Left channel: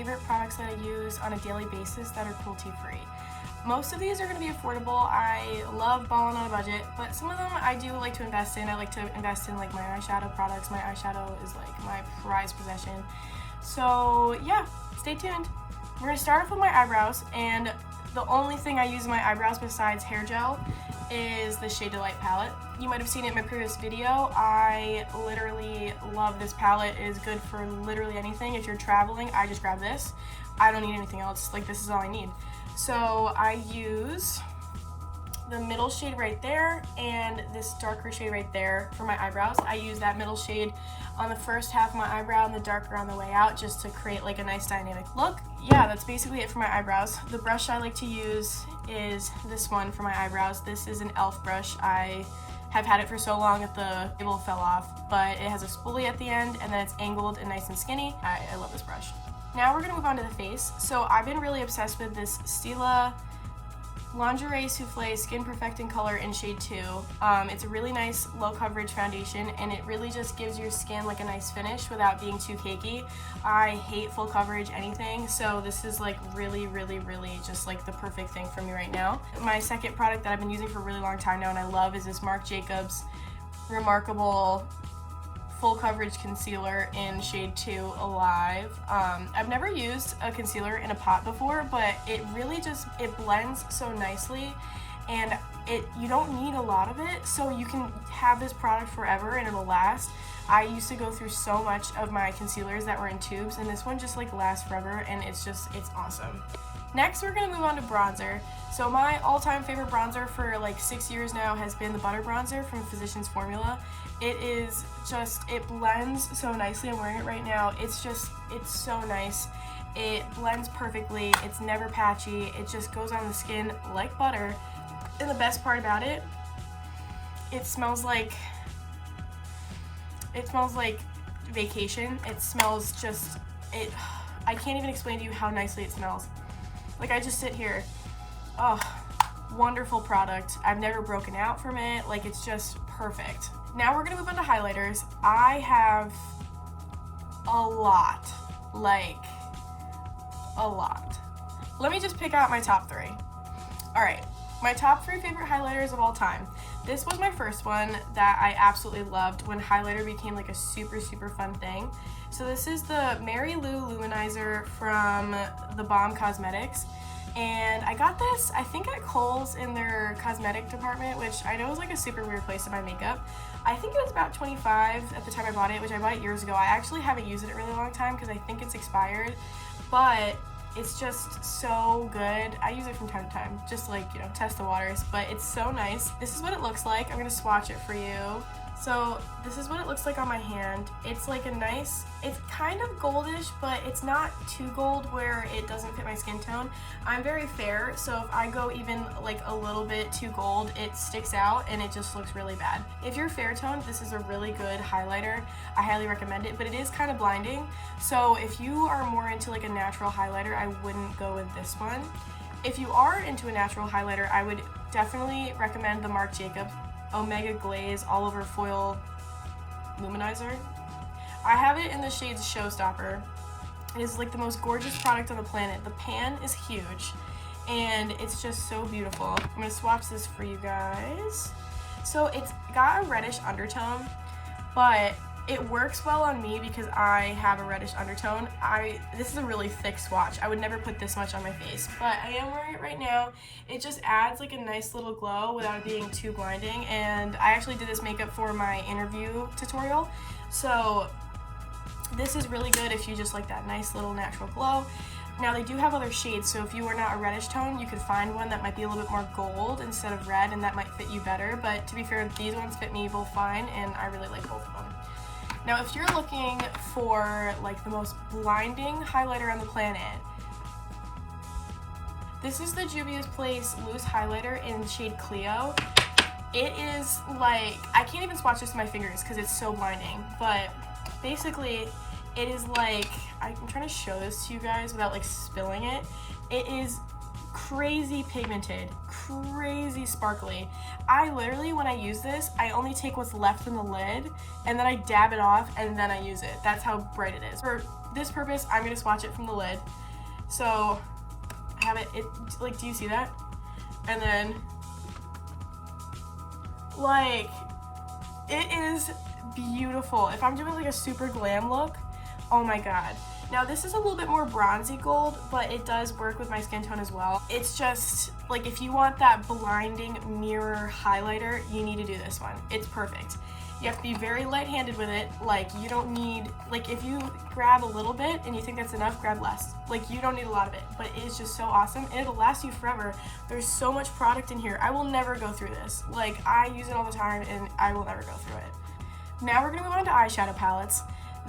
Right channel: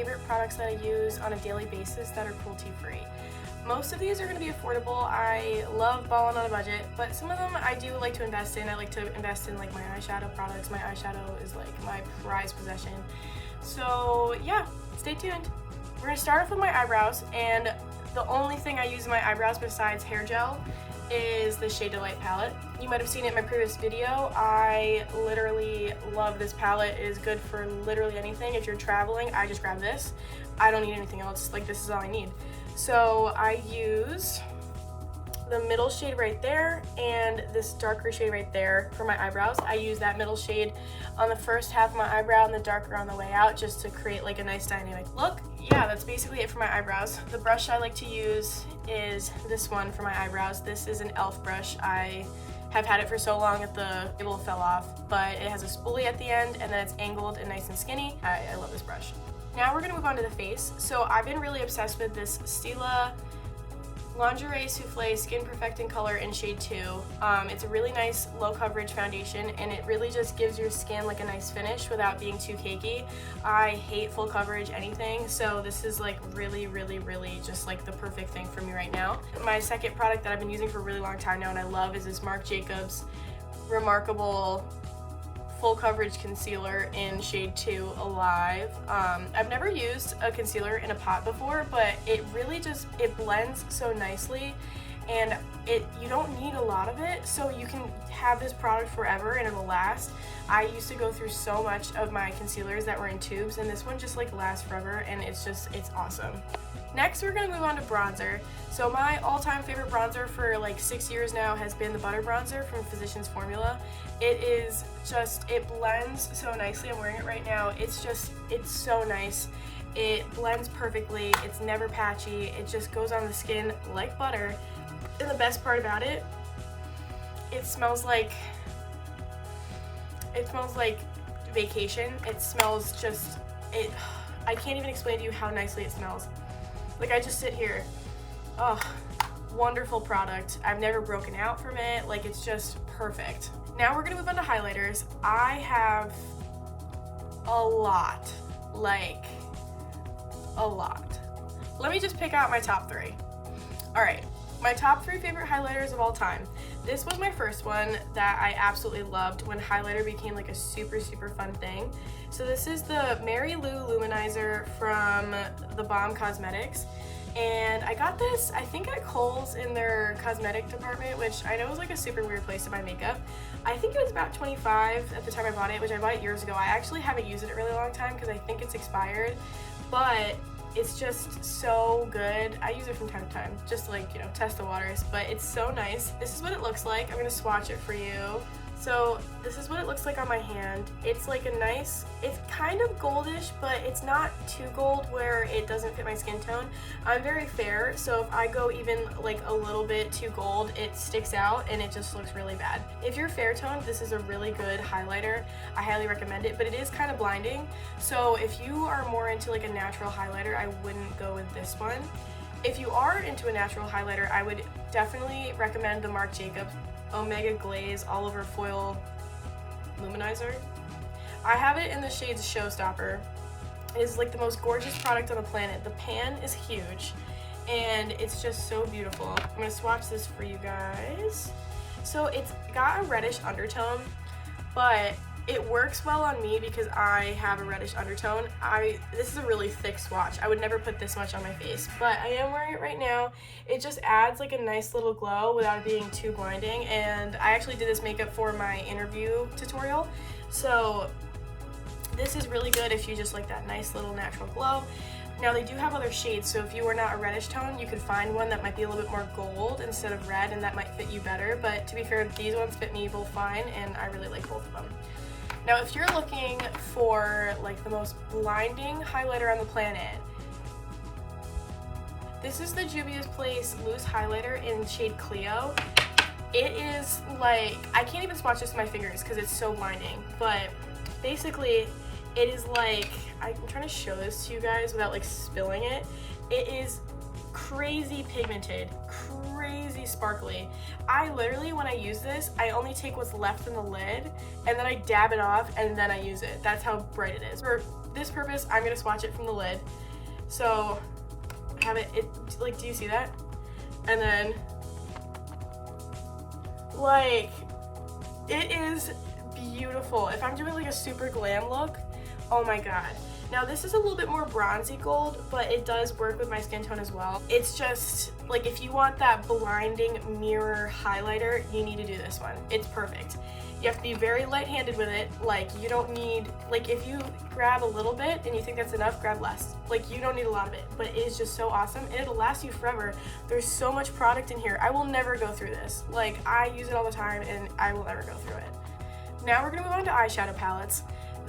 favorite products that I use on a daily basis that are cruelty-free. Most of these are going to be affordable. I love balling on a budget, but some of them I do like to invest in. I like to invest in like my eyeshadow products. My eyeshadow is like my prized possession. So yeah, stay tuned. We're going to start off with my eyebrows, and the only thing I use in my eyebrows besides hair gel is the Shade Delight palette. You might have seen it in my previous video. I literally love this palette. It is good for literally anything. If you're traveling, I just grab this. I don't need anything else. Like, this is all I need. So I use the middle shade right there and this darker shade right there for my eyebrows. I use that middle shade on the first half of my eyebrow and the darker on the way out, just to create like a nice dynamic look. Yeah, that's basically it for my eyebrows. The brush I like to use is this one for my eyebrows. This is an e.l.f. brush. I have had it for so long that the cable fell off, but it has a spoolie at the end and then it's angled and nice and skinny. I love this brush. Now we're gonna move on to the face. So I've been really obsessed with this Stila Lingerie Souffle Skin Perfecting Color in shade 2. It's a really nice low coverage foundation, and it really just gives your skin like a nice finish without being too cakey. I hate full coverage anything, so this is like really just like the perfect thing for me right now. My second product that I've been using for a really long time now and I love is this Marc Jacobs Remarkable Full Coverage Concealer in shade 2 Alive. I've never used a concealer in a pot before, but it really just, it blends so nicely, and you don't need a lot of it, so you can have this product forever and it'll last. I used to go through so much of my concealers that were in tubes, and this one just like lasts forever, and it's awesome. Next, we're gonna move on to bronzer. So my all-time favorite bronzer for like 6 years now has been the Butter Bronzer from Physicians Formula. It is just, it blends so nicely. I'm wearing it right now. It's so nice. It blends perfectly. It's never patchy. It just goes on the skin like butter. And the best part about it, it smells like vacation. It smells just, I can't even explain to you how nicely it smells. Like, I just sit here. Oh, wonderful product. I've never broken out from it. Like, it's just perfect. Now we're gonna move on to highlighters. I have a lot, like a lot. Let me just pick out my top 3. All right, my top 3 favorite highlighters of all time. This was my first one that I absolutely loved when highlighter became like a super fun thing. So this is the Mary Lou Luminizer from The Balm Cosmetics. And I got this, I think at Kohl's in their cosmetic department, which I know is like a super weird place to buy makeup. I think it was about $25 at the time I bought it, which I bought it years ago. I actually haven't used it in a really long time because I think it's expired, but it's just so good. I use it from time to time, just like, you know, test the waters, but it's so nice. This is what it looks like. I'm gonna swatch it for you. So this is what it looks like on my hand. It's like a nice, it's kind of goldish, but it's not too gold where it doesn't fit my skin tone. I'm very fair, so if I go even like a little bit too gold, it sticks out and it just looks really bad. If you're fair toned, this is a really good highlighter. I highly recommend it, but it is kind of blinding. So if you are more into like a natural highlighter, I wouldn't go with this one. If you are into a natural highlighter, I would definitely recommend the Marc Jacobs Omega Glaze All Over Foil Luminizer. I have it in the shades Showstopper. It is like the most gorgeous product on the planet. The pan is huge and it's just so beautiful. I'm gonna swatch this for you guys. So it's got a reddish undertone, but it works well on me because I have a reddish undertone. This is a really thick swatch. I would never put this much on my face, but I am wearing it right now. It just adds like a nice little glow without it being too blinding, and I actually did this makeup for my interview tutorial, so this is really good if you just like that nice little natural glow. Now they do have other shades, so if you were not a reddish tone, you could find one that might be a little bit more gold instead of red, and that might fit you better, but to be fair, these ones fit me both fine, and I really like both of them. Now, if you're looking for like the most blinding highlighter on the planet, this is the Juvia's Place Loose Highlighter in shade Clio. It is like, I can't even swatch this with my fingers because it's so blinding, but basically it is like, I'm trying to show this to you guys without like spilling it. It is crazy pigmented, crazy sparkly. I literally, when I use this, I only take what's left in the lid and then I dab it off and then I use it. That's how bright it is. For this purpose, I'm gonna swatch it from the lid. So I have it, like, do you see that? And then, like, it is beautiful. If I'm doing like a super glam look, oh my god. Now this is a little bit more bronzy gold, but it does work with my skin tone as well. It's just, like, if you want that blinding mirror highlighter, you need to do this one. It's perfect. You have to be very light-handed with it. Like, you don't need, like, if you grab a little bit and you think that's enough, grab less. Like, you don't need a lot of it, but it is just so awesome. It'll last you forever. There's so much product in here. I will never go through this. Like, I use it all the time and I will never go through it. Now we're gonna move on to eyeshadow palettes.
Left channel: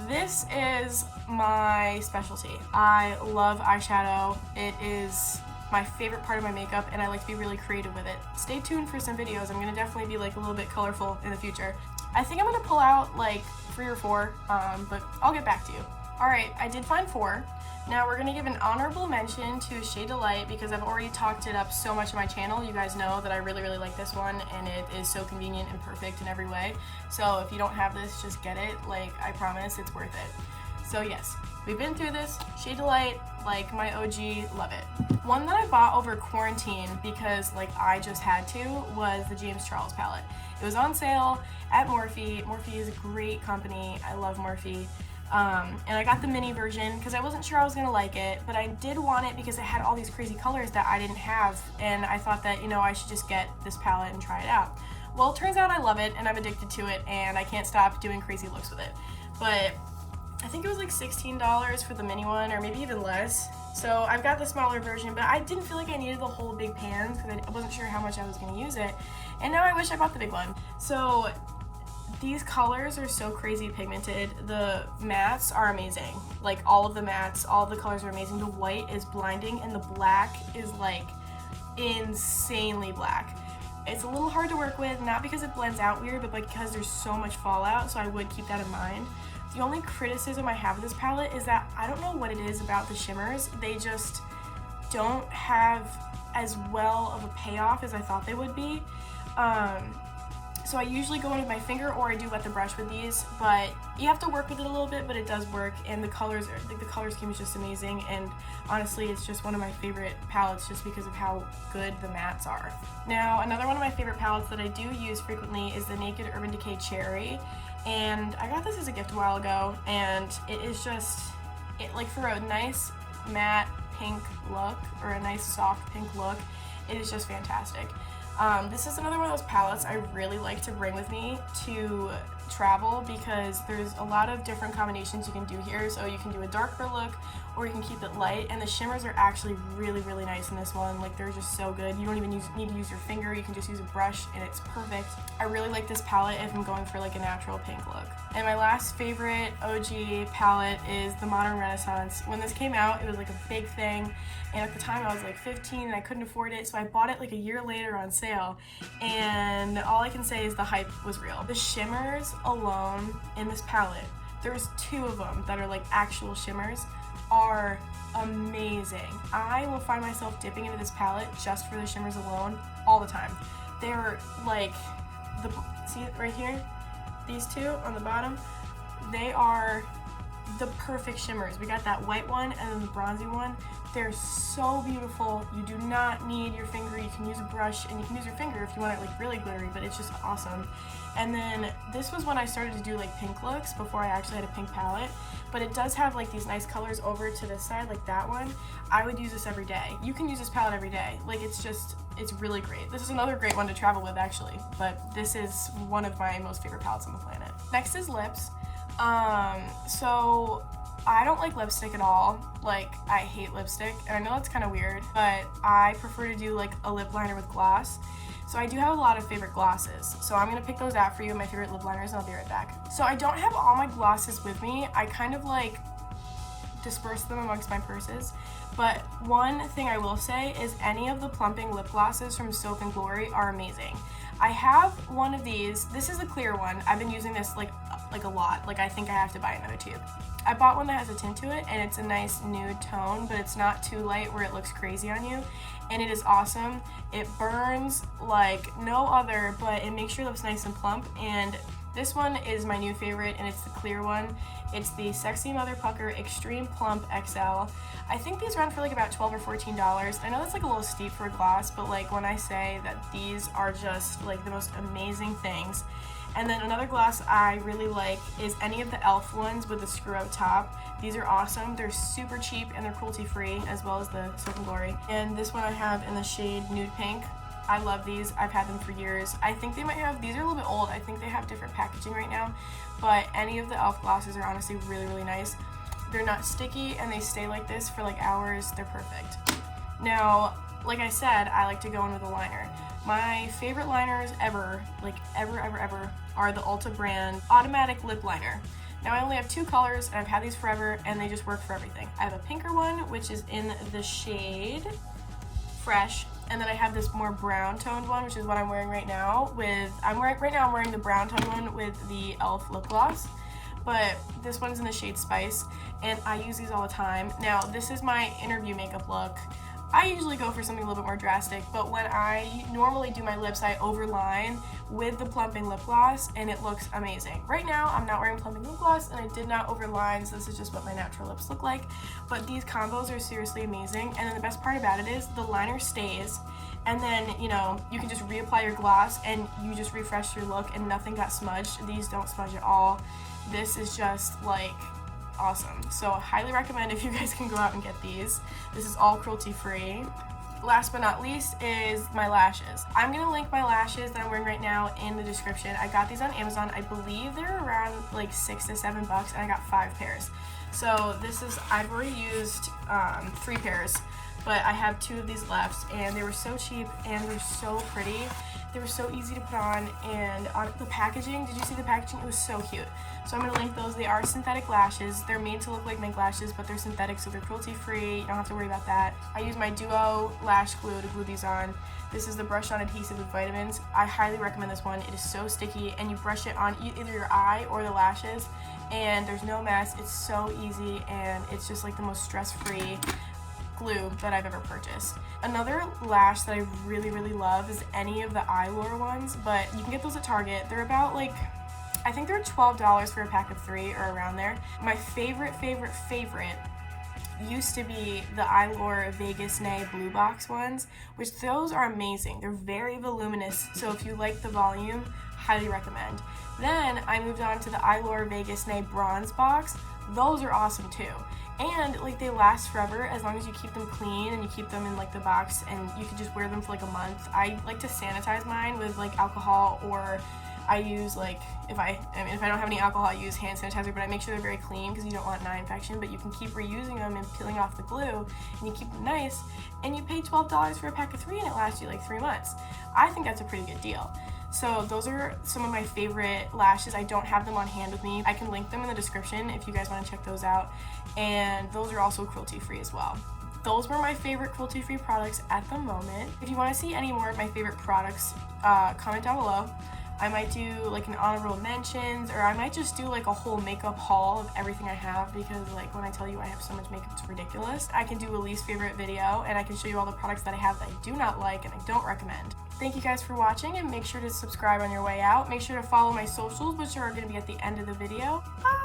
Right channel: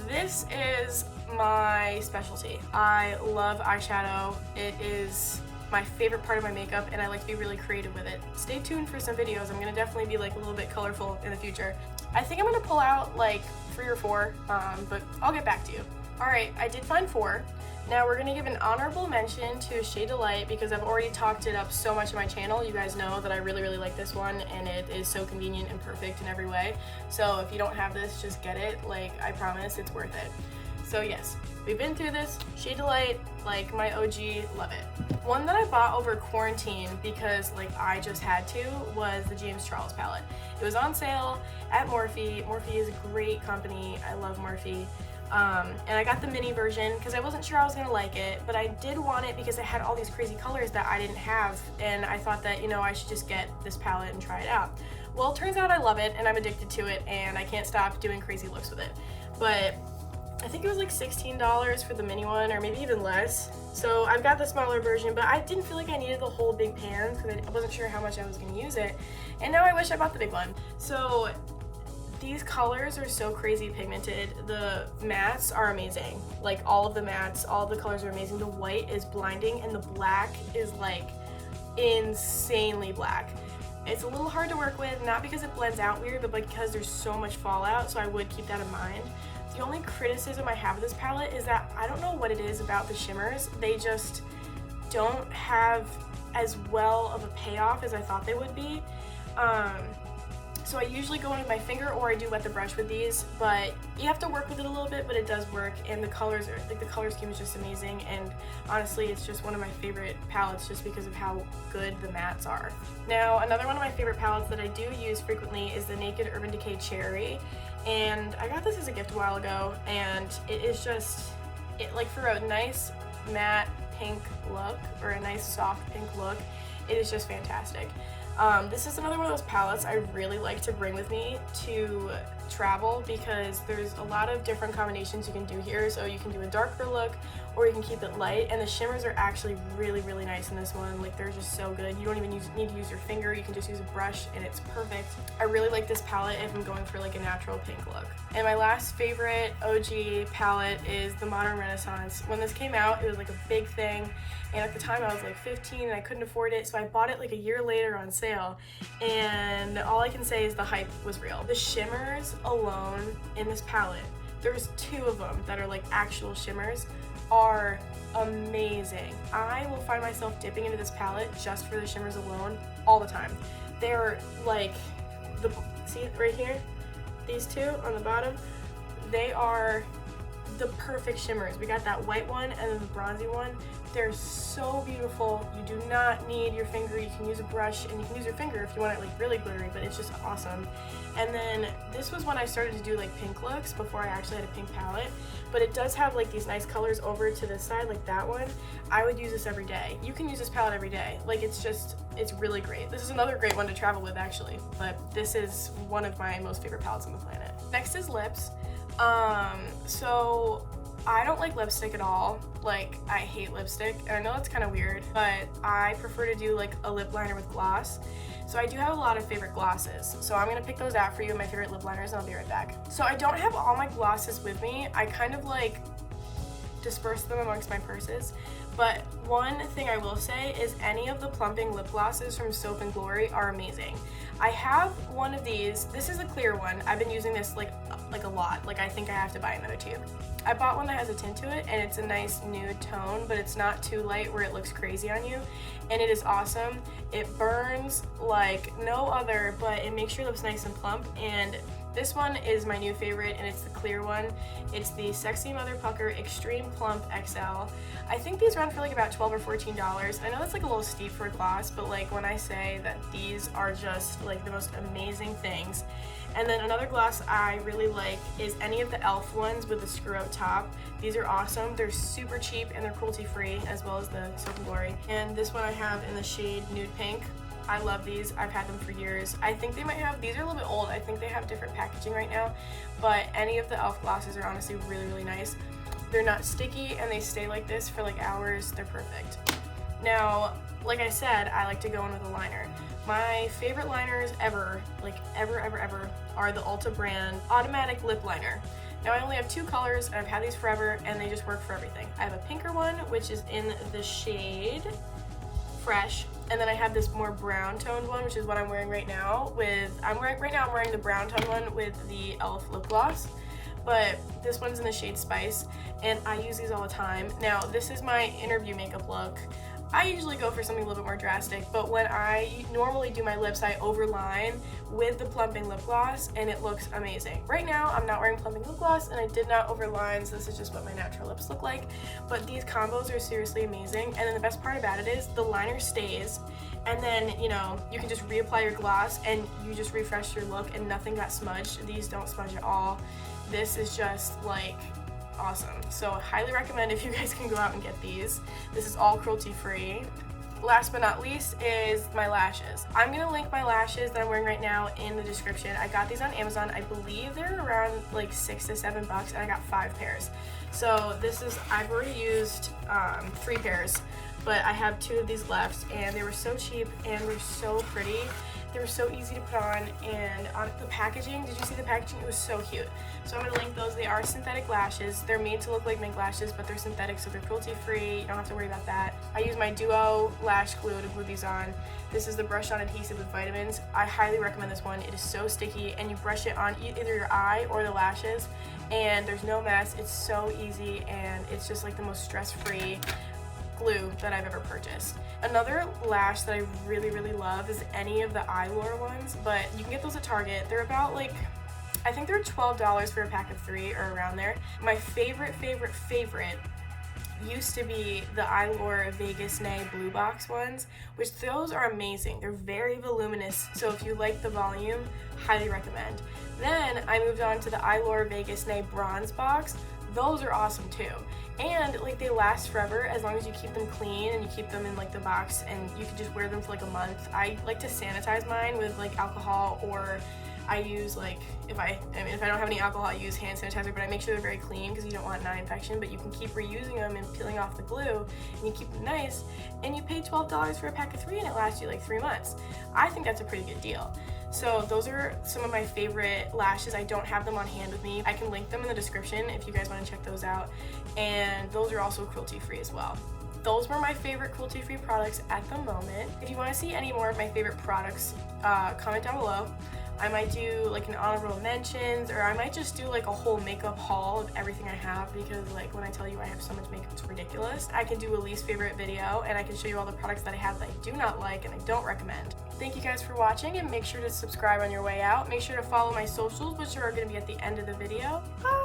This is my specialty. I love eyeshadow. It is my favorite part of my makeup, and I like to be really creative with it. Stay tuned for some videos. I'm gonna definitely be like a little bit colorful in the future. I think I'm gonna pull out like 3 or 4, but I'll get back to you. All right, I did find 4. Now we're gonna give an honorable mention to Shade Delight because I've already talked it up so much on my channel. You guys know that I really like this one, and it is so convenient and perfect in every way. So if you don't have this, just get it. Like, I promise it's worth it. So yes, we've been through this. Shade Delight, like my OG, love it. One that I bought over quarantine because like I just had to was the James Charles palette. It was on sale at Morphe. Morphe is a great company. I love Morphe. And I got the mini version because I wasn't sure I was gonna like it, but I did want it because it had all these crazy colors that I didn't have, and I thought that, you know, I should just get this palette and try it out. Well, it turns out I love it and I'm addicted to it and I can't stop doing crazy looks with it. But I think it was like $16 for the mini one, or maybe even less. So I've got the smaller version, but I didn't feel like I needed the whole big pan because I wasn't sure how much I was gonna use it. And now I wish I bought the big one. So these colors are so crazy pigmented. The mattes are amazing. Like, all of the mattes, all of the colors are amazing. The white is blinding and the black is like insanely black. It's a little hard to work with, not because it blends out weird, but because there's so much fallout, so I would keep that in mind. The only criticism I have of this palette is that I don't know what it is about the shimmers. They just don't have as well of a payoff as I thought they would be. So I usually go in with my finger, or I do wet the brush with these, but you have to work with it a little bit, but it does work, and the colors are, like, the color scheme is just amazing, and honestly it's just one of my favorite palettes just because of how good the mattes are. Now, another one of my favorite palettes that I do use frequently is the Naked Urban Decay Cherry, and I got this as a gift a while ago, and it is just, like, for a nice matte pink look, or a nice soft pink look, it is just fantastic. This is another one of those palettes I really like to bring with me to travel because there's a lot of different combinations you can do here. So you can do a darker look, or you can keep it light, and the shimmers are actually really nice in this one. Like, they're just so good. You don't even need to use your finger, you can just use a brush and it's perfect. I really like this palette if I'm going for like a natural pink look. And my last favorite OG palette is the Modern Renaissance. When this came out, it was like a big thing, and at the time I was like 15 and I couldn't afford it, so I bought it like a year later on sale, and all I can say is the hype was real. The shimmers alone in this palette, there's 2 of them that are like actual shimmers, are amazing. I will find myself dipping into this palette just for the shimmers alone all the time. They're like, see it right here? These 2 on the bottom, they are the perfect shimmers. We got that white one and then the bronzy one. They're so beautiful. You do not need your finger. You can use a brush, and you can use your finger if you want it like really glittery, but it's just awesome. And then this was when I started to do like pink looks before I actually had a pink palette, but it does have like these nice colors over to this side, like that one. I would use this every day. You can use this palette every day. Like, it's really great. This is another great one to travel with actually, but this is one of my most favorite palettes on the planet. Next is lips. So I don't like lipstick at all. Like, I hate lipstick, and I know it's kind of weird, but I prefer to do like a lip liner with gloss. So I do have a lot of favorite glosses. So I'm gonna pick those out for you, my favorite lip liners, and I'll be right back. So I don't have all my glosses with me. I kind of like disperse them amongst my purses. But one thing I will say is any of the plumping lip glosses from Soap & Glory are amazing. I have one of these. This is a clear one. I've been using this like a lot. Like, I think I have to buy another tube. I bought one that has a tint to it, and it's a nice nude tone, but it's not too light where it looks crazy on you, and it is awesome. It burns like no other, but it makes your lips nice and plump, and This one is my new favorite, and it's the clear one. It's the Sexy Mother Pucker Extreme Plump XL. I think these run for like about $12 or $14. I know that's like a little steep for a gloss, but like when I say that these are just like the most amazing things. And then another gloss I really like is any of the e.l.f. ones with the screw up top. These are awesome. They're super cheap and they're cruelty-free, as well as the Soap & Glory. And this one I have in the shade Nude Pink. I love these. I've had them for years. I think they might have, these are a little bit old. I think they have different packaging right now, but any of the e.l.f. glosses are honestly really, really nice. They're not sticky and they stay like this for like hours. They're perfect. Now, like I said, I like to go in with a liner. My favorite liners ever, like ever, are the Ulta brand Automatic Lip Liner. Now I only have 2 colors, and I've had these forever, and they just work for everything. I have a pinker one, which is in the shade Fresh, and then I have this more brown toned one, which is what I'm wearing right now. I'm wearing the brown toned one with the e.l.f. lip gloss, but this one's in the shade Spice, and I use these all the time. Now this is my interview makeup look. I usually go for something a little bit more drastic, but when I normally do my lips, I overline with the plumping lip gloss, and it looks amazing. Right now, I'm not wearing plumping lip gloss, and I did not overline, so this is just what my natural lips look like. But these combos are seriously amazing, and then the best part about it is the liner stays, and then, you know, you can just reapply your gloss, and you just refresh your look, and nothing got smudged. These don't smudge at all. This is just, like, awesome. So highly recommend if you guys can go out and get these. This is all cruelty-free. Last but not least is my lashes. I'm gonna link my lashes that I'm wearing right now in the description. I got these on Amazon. I believe they're around like $6 to $7, and I got 5 pairs. So I've already used 3 pairs, but I have 2 of these left, and they were so cheap and they're so pretty. They were so easy to put on, and on the packaging, did you see the packaging? It was so cute. So I'm going to link those. They are synthetic lashes. They're made to look like mink lashes, but they're synthetic, so they're cruelty-free. You don't have to worry about that. I use my Duo Lash Glue to glue these on. This is the brush-on adhesive with vitamins. I highly recommend this one. It is so sticky, and you brush it on either your eye or the lashes, and there's no mess. It's so easy, and it's just like the most stress-free glue that I've ever purchased. Another lash that I really, really love is any of the Eyelure ones, but you can get those at Target. They're about like, I think they're $12 for a pack of 3 or around there. My favorite used to be the Eyelure Vegas Nay Blue Box ones, which those are amazing. They're very voluminous, so if you like the volume, highly recommend. Then I moved on to the Eyelure Vegas Nay Bronze Box. Those are awesome too. And like they last forever as long as you keep them clean and you keep them in like the box, and you can just wear them for like a month. I like to sanitize mine with like alcohol, or I use like if I don't have any alcohol, I use hand sanitizer, but I make sure they're very clean because you don't want an eye infection. But you can keep reusing them and peeling off the glue, and you keep them nice, and you pay $12 for a pack of 3 and it lasts you like 3 months. I think that's a pretty good deal. So those are some of my favorite lashes. I don't have them on hand with me. I can link them in the description if you guys want to check those out. And those are also cruelty-free as well. Those were my favorite cruelty-free products at the moment. If you want to see any more of my favorite products, comment down below. I might do like an honorable mentions, or I might just do like a whole makeup haul of everything I have, because like when I tell you I have so much makeup, it's ridiculous. I can do a least favorite video, and I can show you all the products that I have that I do not like and I don't recommend. Thank you guys for watching, and make sure to subscribe on your way out. Make sure to follow my socials, which are going to be at the end of the video. Bye!